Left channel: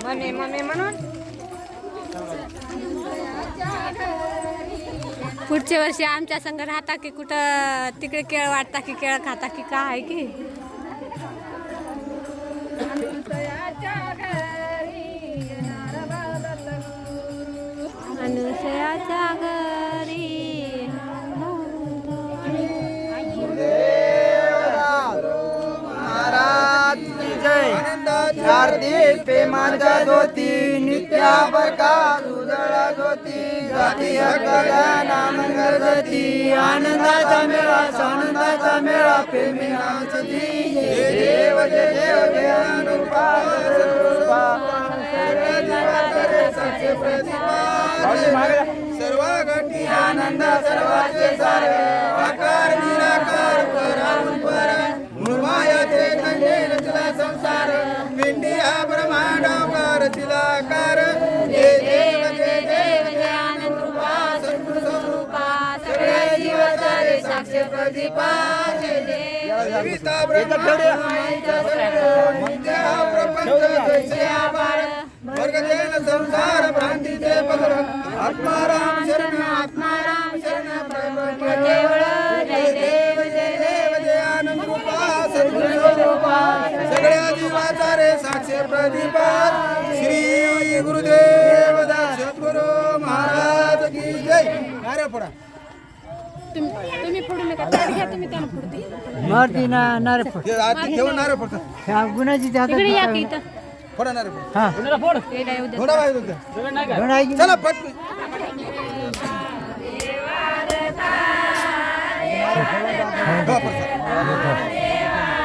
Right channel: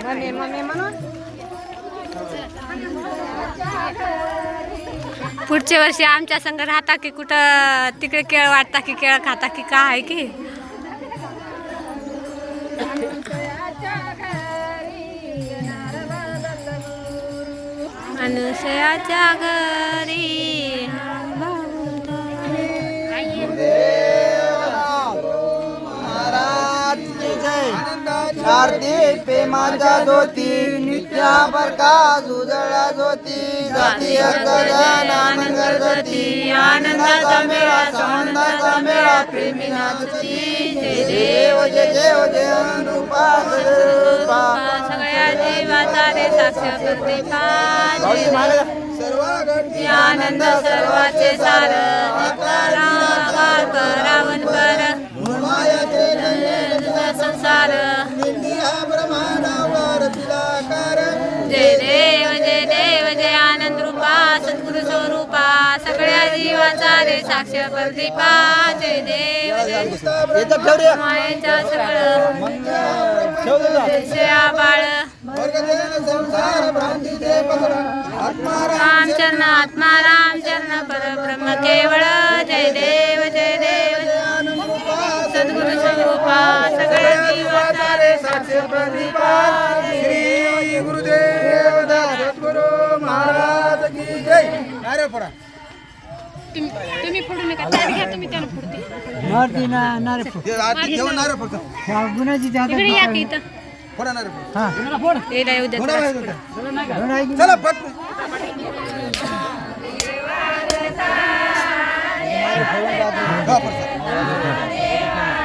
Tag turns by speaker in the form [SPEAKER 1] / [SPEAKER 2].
[SPEAKER 1] Mummy mummy म्हणून पुढच्या वर्षी आमच्या संघ राहता की कुठं तिकडे केळ वाटता की केळ खाता की का आहे की
[SPEAKER 2] अनुसयाच्या घरी महाराज धोती जय
[SPEAKER 3] शारदी उजळ्या धोती
[SPEAKER 4] आनंदाचा मेळा आनंदाचा मेळा प्रेमी नाचती जय देव जय देव जय अनुपा सगळ्या जीवाचा रे साक्षात घटी आनंद सर्वाचे सार रावण पर. संसार. सगळ्या जीवाचा रे साक्ष प्रदीपा जय देव
[SPEAKER 5] मायेचा सगळं.
[SPEAKER 4] बाळ. वर्गदेन संसार भ्रांतीचे पत्र आत्माराम रामचरण आत्मा रामचरण परब्रह्म केवळ. जय देव जय देव. सद्गुरु स्वरूपा सगळ्या जीवाचा रे साक्षी प्रदीपा श्री गुरुदेव सद्गुरु महाराज की जय. अरे पडा
[SPEAKER 1] तुम्ही फोडू नका. चार घ्या तुम्ही त्याने फोडते
[SPEAKER 6] मारती ना नारे
[SPEAKER 5] हे आरती घेऊन नारळ फक्त
[SPEAKER 6] गुणाची इकडे
[SPEAKER 1] या की इथं.
[SPEAKER 5] फोडा नारळ फक्त.
[SPEAKER 6] हा.
[SPEAKER 1] यायला येऊ द्या
[SPEAKER 5] चला पटकन हा, पटकन.